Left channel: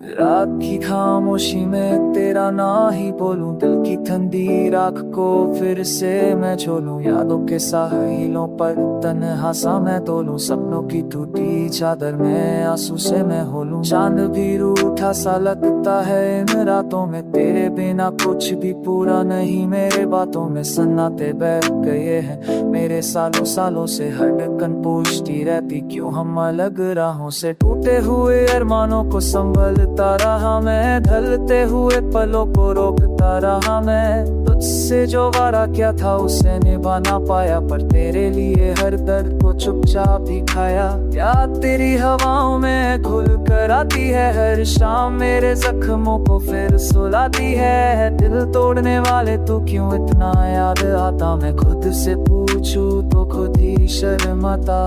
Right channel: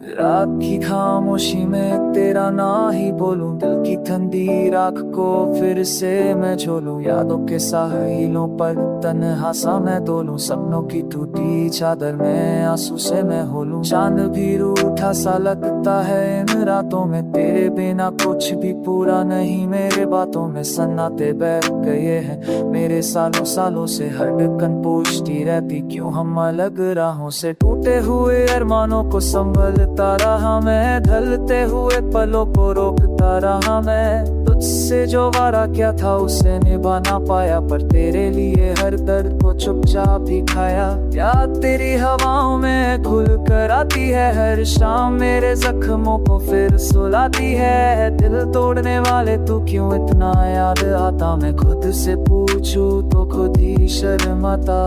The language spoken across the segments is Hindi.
रात की खामोशी में तेरा ना ही बोलूं, दिल की ठंडी राख को फिर से मैं झोलूं। यादों के साहिलों पर तन्हा सा मैं डोलूं, सपनों की टूटी चादर में आंसू से मैं होलूं। चांद भी रूठा सा लगता है इन रातों में, तेरे बिना कुछ भी पूरा नहीं। मेरे बातों में सन्नाटे बैठ गए हैं, मेरे सालों सालों से हड़कन पूछती रहती, क्यों हम अलग राहों से। टूटे हुए अरमानों को संभलता रहा मैं, ढलते हुए पलों को रोकता रहा मैं। तुझसे जो वारा क्या था उसे निभा ना पाया, पर तेरे लिए हर दर्द को चुपचाप ही खाया। याद तेरी हवाओं में खुल कर आती है हर शाम, मेरे जख्मों को फिर सुलाती है। दिल तोड़ने वाले तू क्यों इतना याद आता, मैं खुद से पूछूं तो खुद ही शर्माता।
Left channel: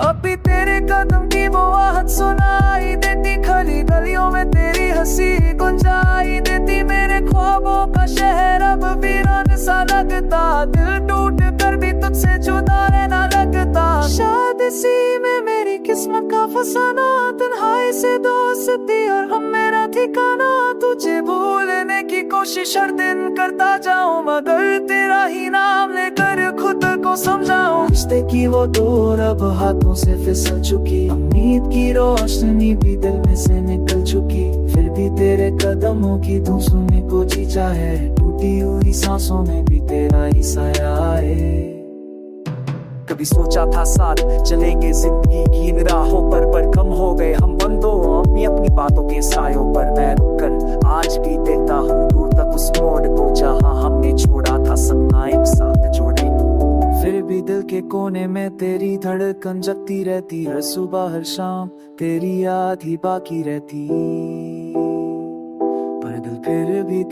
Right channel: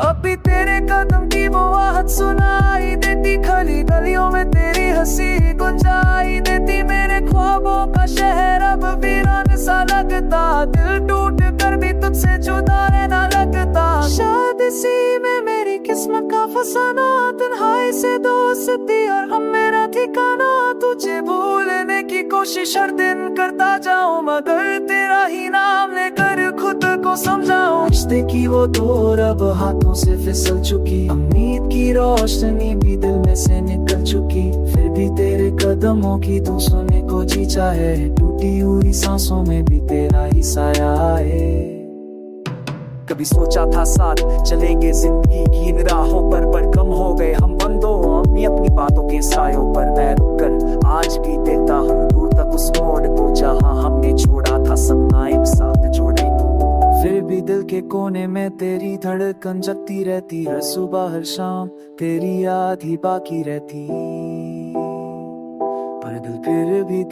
अभी तेरे कदम की वो आहट सुनाई देती, खली गलियों में तेरी हंसी गुंजाई देती। मेरे ख्वाबों का शहर अब वीरान सा लगता, दिल टूट कर भी तुझसे जुदा रहना लगता। शायद इसी में मेरी किस्मत का फसाना, तन्हाई से दोस्ती और हम मेरा ठिकाना। तुझे भूलने की कोशिश हर दिन करता जाऊं, मगर तेरा ही नाम लेकर खुद को समझाऊं। रिश्ते की वो दूर अब हाथों से फिसल चुकी, उम्मीद की रोशनी भी दिल में से निकल चुकी। फिर भी तेरे कदमों की धुन सुनने को जी चाहे, टूटी हुई सांसों में भी तेरा ही साया है। कभी सोचा था साथ चलेंगे जिंदगी की इन राहों पर कम हो गए हम बंदो अपनी बातों के सायों पर। मैं रुक कर आज भी देखता हूँ दूर तक उस मोड़ को, जहाँ हमने छोड़ा था सपना एक साथ जोड़े। फिर भी दिल के कोने में तेरी धड़कन जगती रहती, हर सुबह हर शाम तेरी याद ही बाकी रहती। पर दिल फिर भी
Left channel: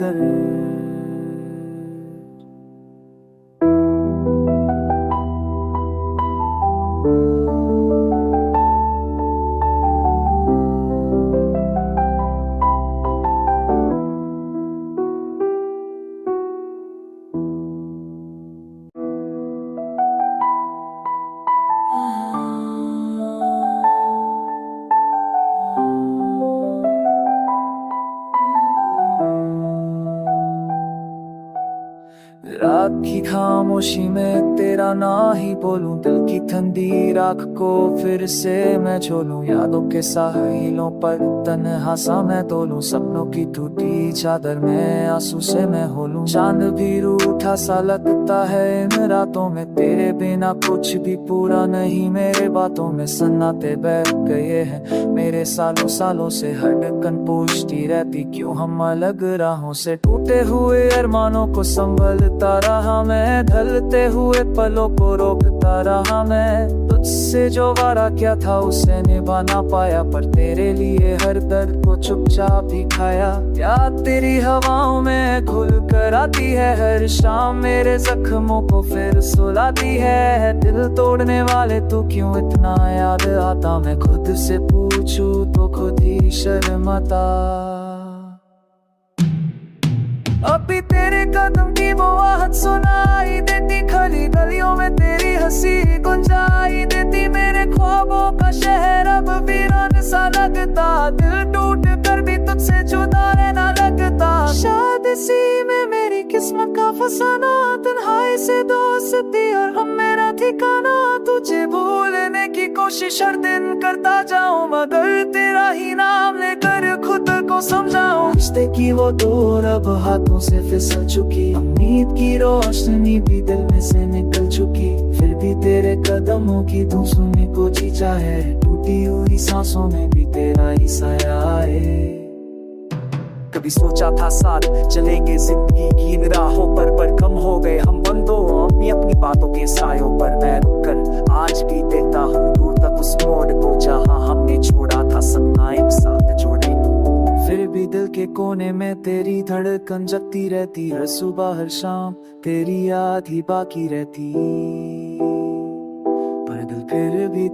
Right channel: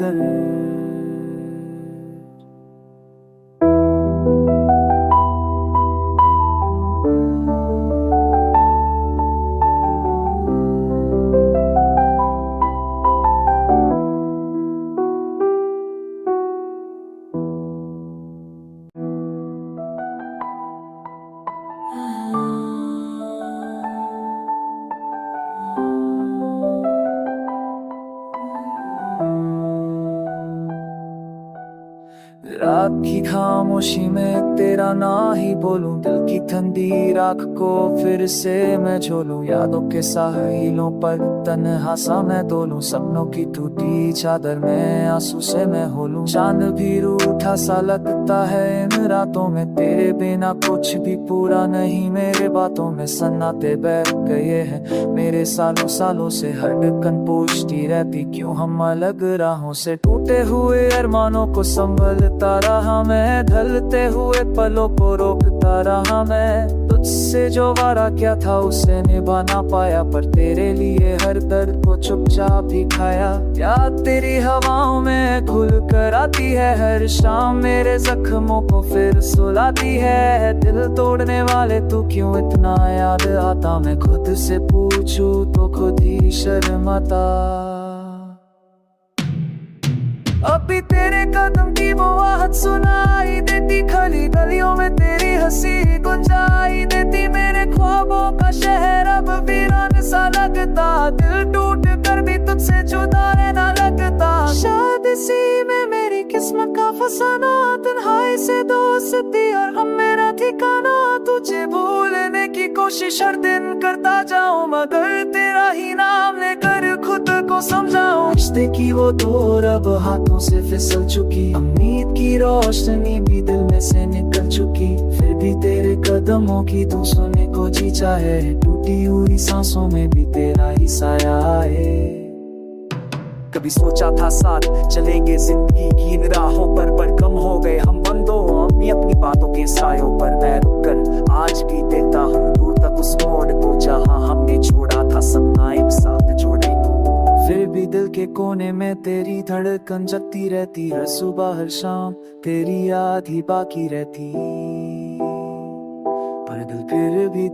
रात की खामोशी में तेरा ना ही बोलूं, दिल की ठंडी राख को फिर से मैं झोलूं। यादों के साहिलों पर तन्हा सा मैं डोलूं, सपनों की टूटी चादर में आंसू से मैं होलूं। चांद भी रूठा सा लगता है इन रातों में, तेरे बिना कुछ भी पूरा नहीं। मेरे बातों में सन्नाटे बैठ गए हैं, मेरे सालों सालों से हड़कन पूछती रहती, क्यों हम अलग राहों से। टूटे हुए अरमानों को संभलता रहा मैं, ढलते हुए पलों को रोकता रहा मैं। तुझसे जो वारा क्या था उसे निभा ना पाया, पर तेरे लिए हर दर्द को चुपचाप ही खाया। याद तेरी हवाओं में खुल कर आती है हर शाम, मेरे जख्मों को फिर सुलाती है। दिल तोड़ने वाले तू क्यों इतना याद आता, मैं खुद से पूछूं तो खुद ही शर्माता। अभी तेरे कदम की वो आहट सुनाई देती, खली गलियों में तेरी हंसी गुंजाई देती। मेरे ख्वाबों का शहर अब वीरान सा लगता, दिल टूट कर भी तुझसे जुदा रहना लगता। शायद इसी में मेरी किस्मत का फसाना, तन्हाई से दोस्ती और हम मेरा ठिकाना। तुझे भूलने की कोशिश हर दिन करता जाऊं, मगर तेरा ही नाम लेकर खुद को समझाऊं। रिश्ते की वो दूर अब हाथों से फिसल चुकी, उम्मीद की रोशनी भी दिल में से निकल चुकी। फिर भी तेरे कदमों की धुन सुनने को जी चाहे, टूटी हुई सांसों में भी तेरा ही साया है। कभी सोचा था साथ चलेंगे जिंदगी की इन राहों पर कम हो गए हम बंदो अपनी बातों के सायों पर। मैं रुक कर आज भी देखता हूँ दूर तक उस मोड़ को, जहाँ हमने छोड़ा था सपना एक साथ जोड़े। फिर भी दिल के कोने में तेरी धड़कन जगती रहती, हर सुबह हर शाम तेरी याद ही बाकी रहती। पर दिल फिर भी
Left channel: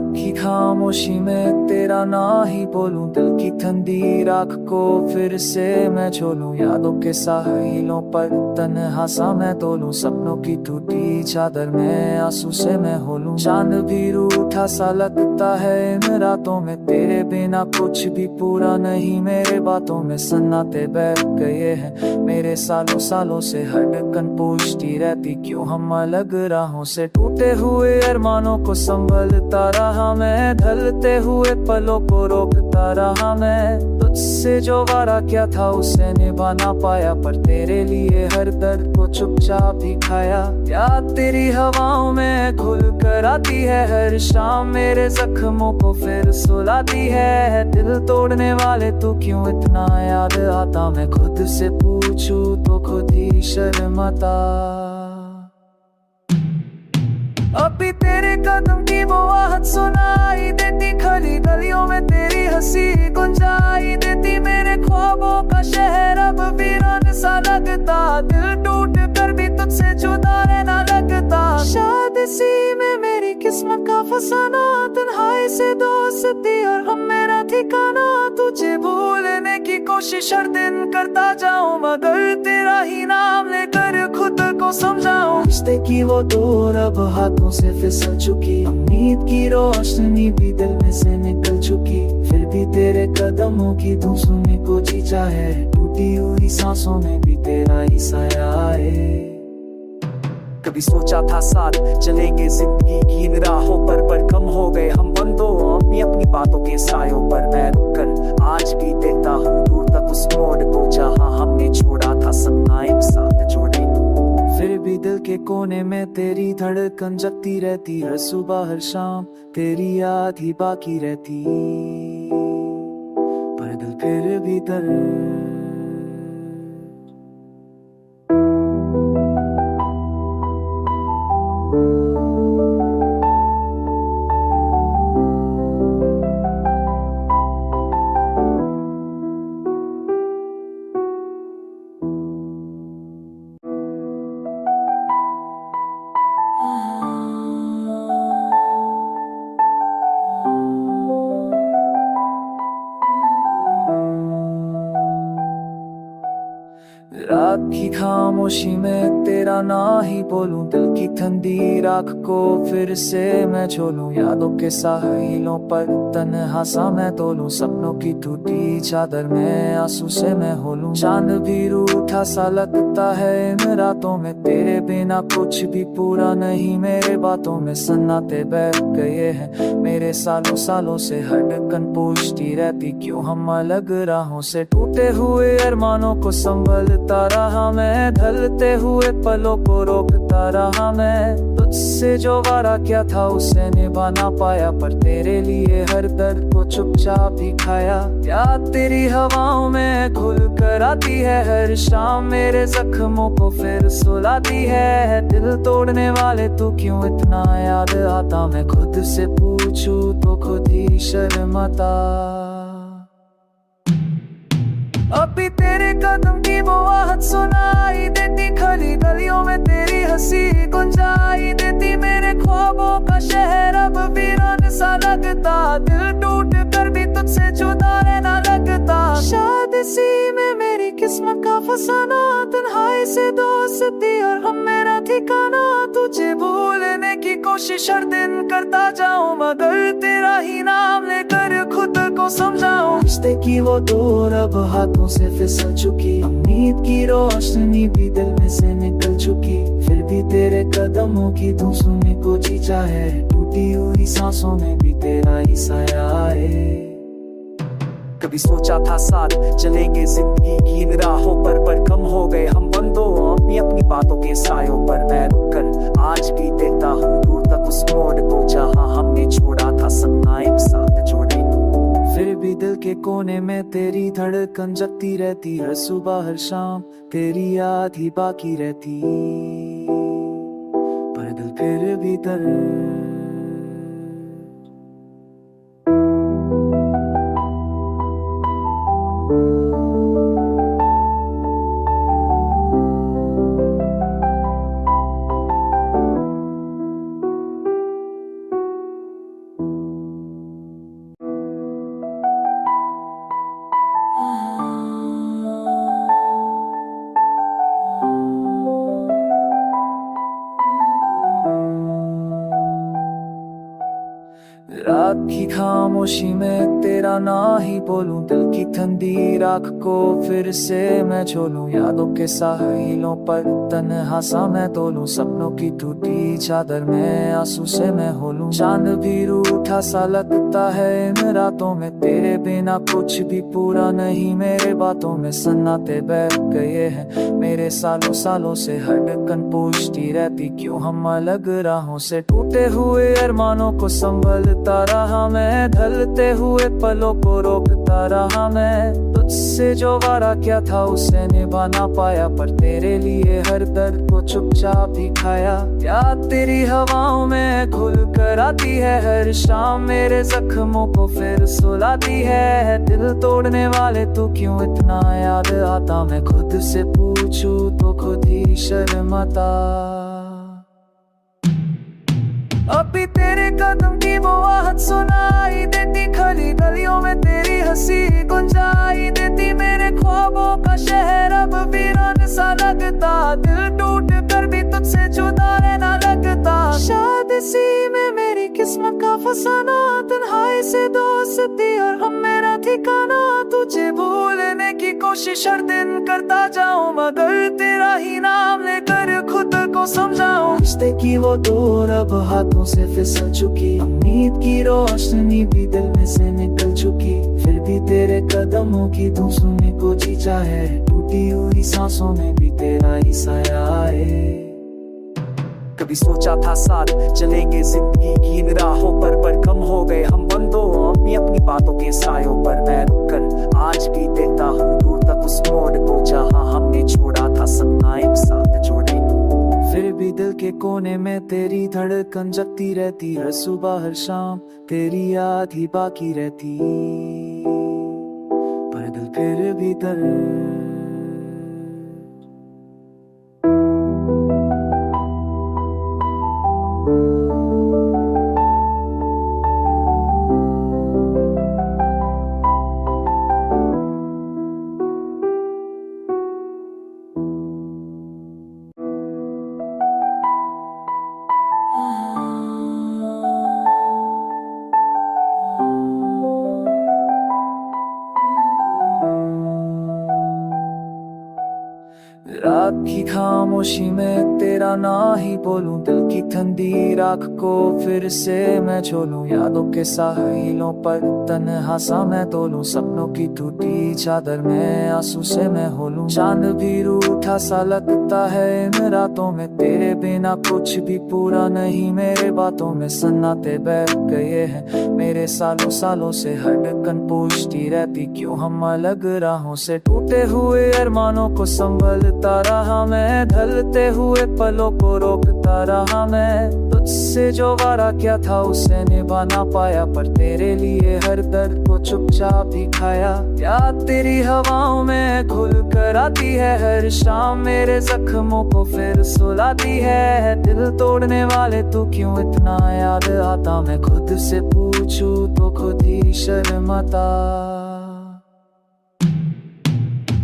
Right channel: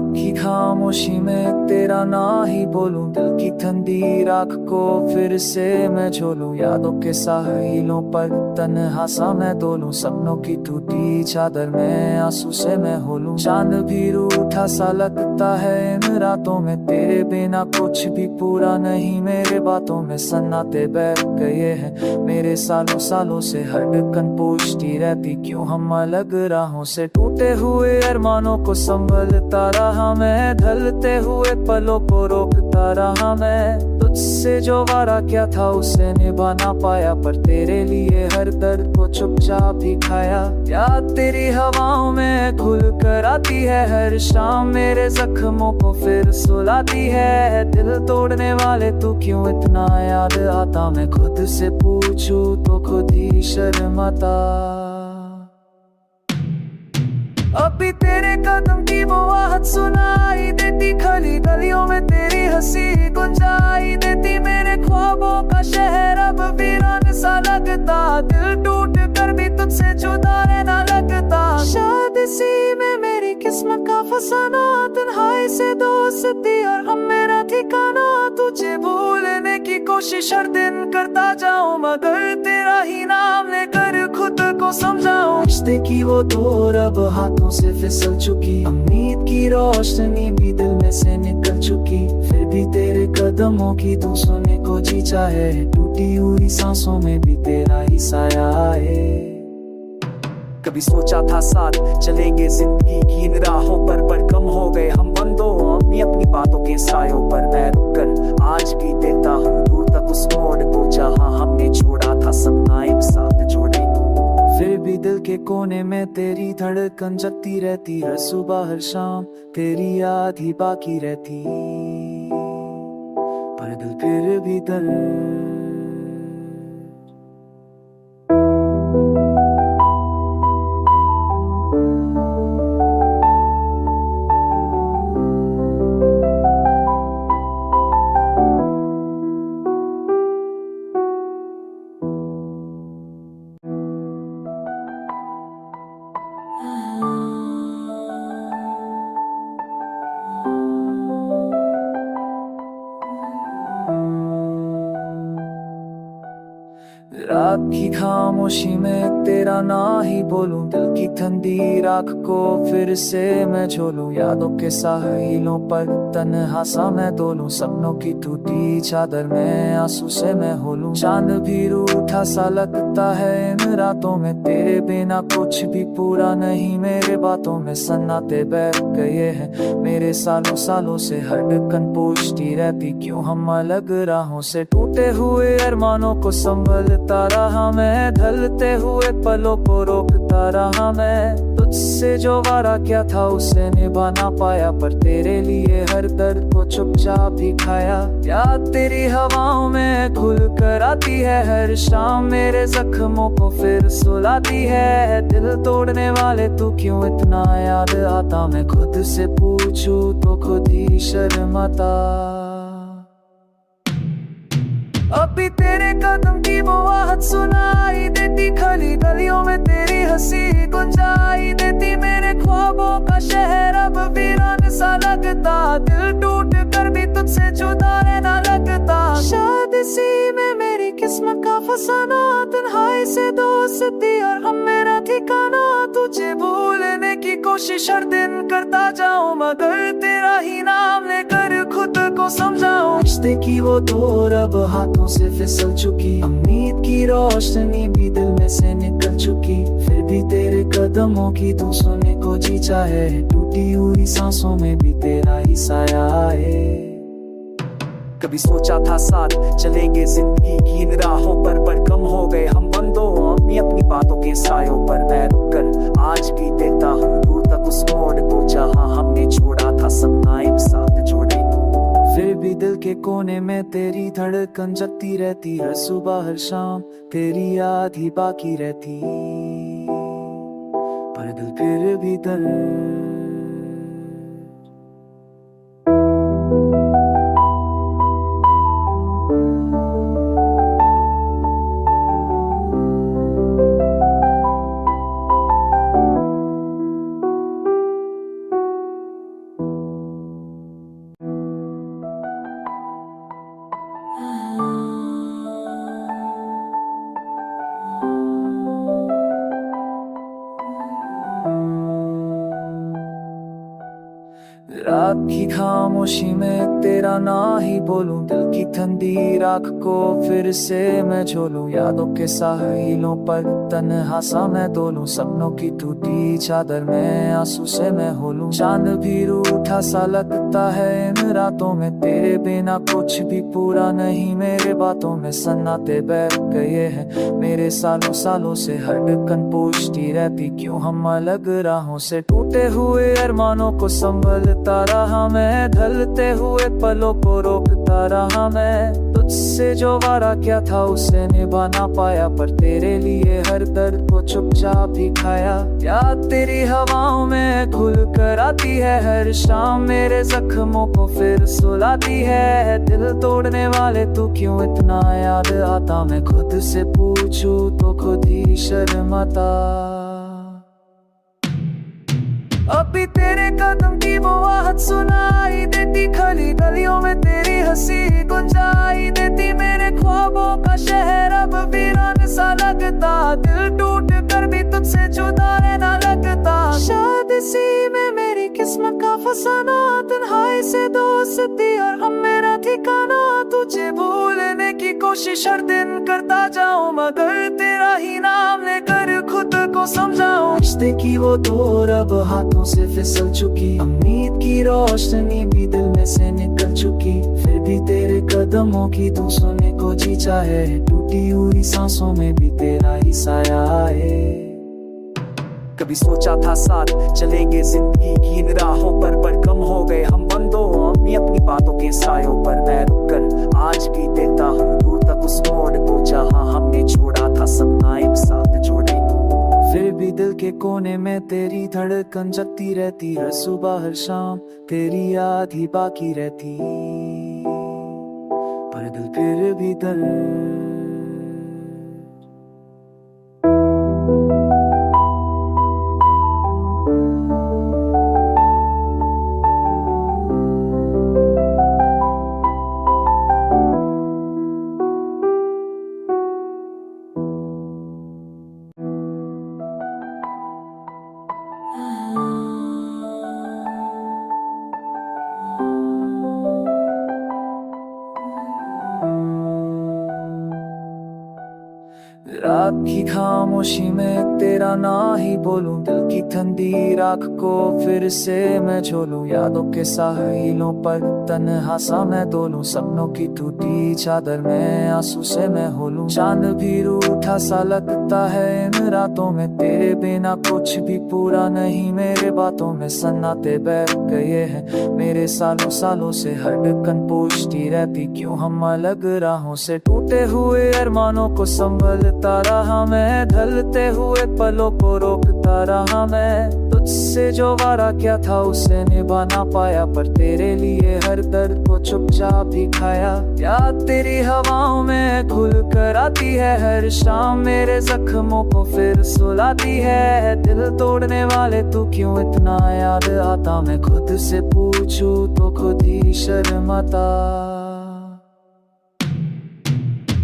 रात की खामोशी में तेरा ना ही बोलूं, दिल की ठंडी राख को फिर से मैं झोलूं। यादों के साहिलों पर तन्हा सा मैं डोलूं, सपनों की टूटी चादर में आंसू से मैं होलूं। चांद भी रूठा सा लगता है इन रातों में, तेरे बिना कुछ भी पूरा नहीं। मेरे बातों में सन्नाटे बैठ गए हैं, मेरे सालों सालों से धड़कन पूछती रहती क्यों हम अलग राहों से। टूटे हुए अरमानों को संभलता रहा मैं, ढलते हुए पलों को रोकता रहा मैं। तुझसे जो वारा क्या था उसे निभा ना पाया, पर तेरे लिए हर दर्द को चुपचाप ही खाया। याद तेरी हवाओं में खुल कर आती है, हर शाम मेरे जख्मों को फिर सुलाती है। दिल तोड़ने वाले तू क्यों इतना याद आता, मैं खुद से पूछूं तो खुद ही शर्माता। अभी तेरे कदम की वो आहट सुनाई देती, खली गलियों में तेरी हंसी गुंजाई देती। मेरे ख्वाबों का शहर अब वीरान सा लगता, दिल टूट कर भी तुझसे जुदा रहना लगता। शायद इसी में मेरी किस्मत का फसाना, तन्हाई से दोस्ती और हम मेरा ठिकाना। तुझे भूलने की कोशिश हर दिन करता जाऊं, मगर तेरा ही नाम लेकर खुद को समझाऊं। रिश्ते की वो डोर अब हाथों से फिसल चुकी, उम्मीद की रोशनी भी दिल में से निकल चुकी। फिर भी तेरे कदमों की धुन सुनने को जी चाहे, टूटी हुई सांसों में भी तेरा ही साया है। कभी सोचा था साथ चलेंगे जिंदगी की इन राहों पर कम हो गए हम बंदों अपनी बातों के सायों पर। मैं रुक कर आज भी देखता हूँ दूर तक उस मोड़ को, जहाँ हमने छोड़ा था सपना एक साथ जोड़े तो। फिर भी दिल के कोने में तेरी धड़कन जगती रहती, हर सुबह हर शाम तेरी याद ही बाकी रहती। पर दिल फिर भी रात की खामोशी में तेरा ना ही बोलूं, दिल की ठंडी राख को फिर से मैं झोलूं। यादों के साहिलों पर तन्हा सा मैं डोलूं, सपनों की टूटी चादर में आंसू से मैं होलूं। चांद भी रूठा सा लगता है इन रातों में, तेरे बिना कुछ भी पूरा नहीं। मेरे बातों में सन्नाटे बैठ गए हैं, मेरे सालों सालों से धड़कन पूछती रहती क्यों हम अलग राहों से। टूटे हुए अरमानों को संभलता रहा मैं, ढलते हुए पलों को रोकता रहा मैं। तुझसे जो वारा क्या था उसे निभा ना पाया, पर तेरे लिए हर दर्द को चुपचाप ही खाया। याद तेरी हवाओं में खुल कर आती है, हर शाम मेरे जख्मों को फिर सुलाती है। दिल तोड़ने वाले तू क्यों इतना याद आता, मैं खुद से पूछूं तो खुद ही शर्माता। अभी तेरे कदम की वो आहट सुनाई देती, खली गलियों में तेरी हंसी गुंजाई देती। मेरे ख्वाबों का शहर अब वीरान सा लगता, दिल टूट कर भी तुझसे जुदा रहना लगता। शायद इसी में मेरी किस्मत का फसाना, तन्हाई से दोस्ती और हम मेरा ठिकाना। तुझे भूलने की कोशिश हर दिन करता जाऊं, मगर तेरा ही नाम लेकर खुद को समझाऊं। रिश्ते की वो डोर अब हाथों से फिसल चुकी, उम्मीद की रोशनी भी दिल में से निकल चुकी। फिर भी तेरे कदमों की धुन सुनने को जी चाहे, टूटी हुई सांसों में भी तेरा ही साया है। कभी सोचा था साथ चलेंगे जिंदगी की इन राहों पर कम हो गए हम बंदों अपनी बातों के सायों पर। मैं रुक कर आज भी देखता हूँ दूर तक उस मोड़ को, जहाँ हमने छोड़ा था सपना एक साथ जोड़े तो। फिर भी दिल के कोने में तेरी धड़कन जगती रहती, हर सुबह हर शाम तेरी याद ही बाकी रहती। पर दिल फिर भी रात की खामोशी में तेरा ना ही बोलूं, दिल की ठंडी राख को फिर से मैं झोलूं। यादों के साहिलों पर तन्हा सा मैं डोलूं, सपनों की टूटी चादर में आंसू से मैं होलूं। चांद भी रूठा सा लगता है इन रातों में, तेरे बिना कुछ भी पूरा नहीं। मेरे बातों में सन्नाटे बैठ गए हैं, मेरे सालों सालों से धड़कन पूछती रहती क्यों हम अलग राहों से। टूटे हुए अरमानों को संभलता रहा मैं, ढलते हुए पलों को रोकता रहा मैं। तुझसे जो वादा क्या था उसे निभा ना पाया, पर तेरे लिए हर दर्द को चुपचाप ही खाया। याद तेरी हवाओं में खुल कर आती है हर शाम, मेरे जख्मों को फिर सुलाती है। दिल तोड़ने वाले तू क्यों इतना याद आता, मैं खुद से पूछूं तो खुद ही शर्माता। अभी तेरे कदम की वो आहट सुनाई देती, खली गलियों में तेरी हंसी गुंजाई देती। मेरे ख्वाबों का शहर अब वीरान सा लगता, दिल टूट कर भी तुझसे जुदा रहना लगता। शायद इसी में मेरी किस्मत का फसाना, तन्हाई से दोस्ती और हम मेरा ठिकाना। तुझे भूलने की कोशिश हर दिन करता जाऊं, मगर तेरा ही नाम लेकर खुद को समझाऊं। रिश्ते की वो दूर अब हाथों से फिसल चुकी, उम्मीद की रोशनी भी दिल में से निकल चुकी। फिर भी तेरे कदमों की तू सुनने को जी चाहे, टूटी हुई सांसों में भी तेरा ही साया है। कभी सोचा था साथ चलेंगे जिंदगी की इन राहों पर कम हो गए हम बंदों अपनी अपनी बातों के सायों पर। मैं रुक कर आज भी देखता हूँ दूर तक उस मोड़ को, जहाँ हमने छोड़ा था सपना एक साथ जोड़े को। फिर भी दिल के कोने में तेरी धड़कन जगती रहती, हर सुबह हर शाम तेरी याद ही बाकी रहती। पर दिल फिर भी दर्द रात की खामोशी में तेरा ना ही बोलूं, दिल की ठंडी राख को फिर से मैं झोलूं। यादों के साहिलों पर तन्हा सा मैं डोलूं, सपनों की टूटी चादर में आंसू से मैं होलूं। चांद भी रूठा सा लगता है इन रातों में, तेरे बिना कुछ भी पूरा नहीं। मेरे बातों में सन्नाटे बैठ गए हैं, मेरे सालों सालों से धड़कन पूछती रहती क्यों हम अलग राहों से। टूटे हुए अरमानों को संभलता रहा मैं, ढलते हुए पलों को रोकता रहा मैं। तुझसे जो वादा क्या था उसे निभा ना पाया, पर तेरे लिए हर दर्द को चुपचाप ही खाया। याद तेरी हवाओं में खुल कर आती है हर शाम, मेरे जख्मों को फिर सुलाती है। दिल तोड़ने वाले तू क्यों इतना याद आता, मैं खुद से पूछूं तो खुद ही शर्माता।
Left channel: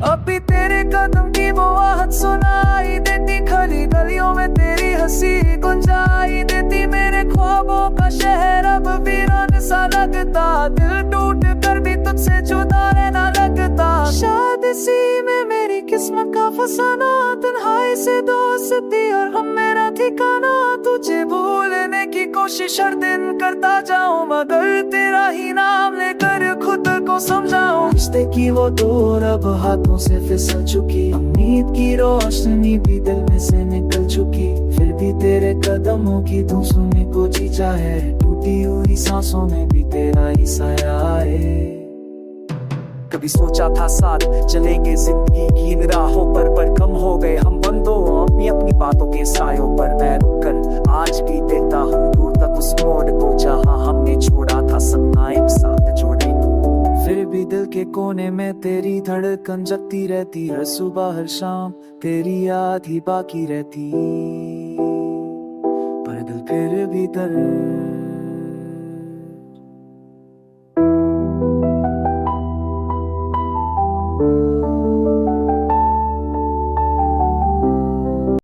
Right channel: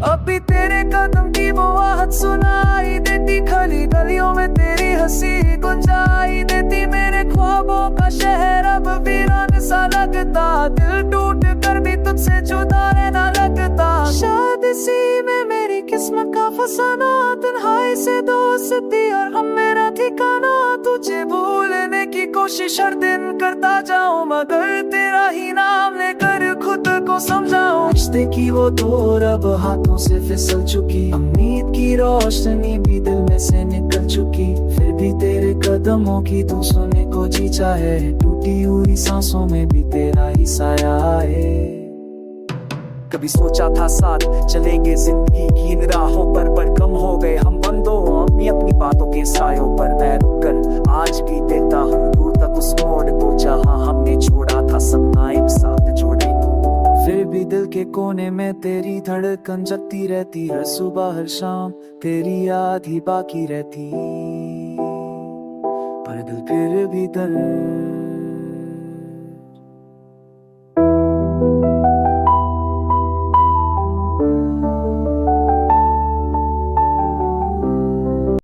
अभी तेरे कदम की वो आहट सुनाई देती, खली गलियों में तेरी हंसी गुंजाई देती। मेरे ख्वाबों का शहर अब वीरान सा लगता, दिल टूट कर भी तुझसे जुदा रहना लगता। शायद इसी में मेरी किस्मत का फसाना, तन्हाई से दोस्ती और हम मेरा ठिकाना। तुझे भूलने की कोशिश हर दिन करता जाऊं, मगर तेरा ही नाम लेकर खुद को समझाऊं। रिश्ते की वो दूर अब हाथों से फिसल चुकी, उम्मीद की रोशनी भी दिल में से निकल चुकी। फिर भी तेरे कदमों की तू सुनने को जी चाहे, टूटी हुई सांसों में भी तेरा ही साया है। कभी सोचा था साथ चलेंगे जिंदगी की इन राहों पर कम हो गए हम बंदों अपनी अपनी बातों के सायों पर। मैं रुक कर आज भी देखता हूँ दूर तक उस मोड़ को, जहाँ हमने छोड़ा था सपना एक साथ जोड़े को। फिर भी दिल के कोने में तेरी धड़कन जगती रहती, हर सुबह हर शाम तेरी याद ही बाकी रहती। पर दिल फिर भी दर्द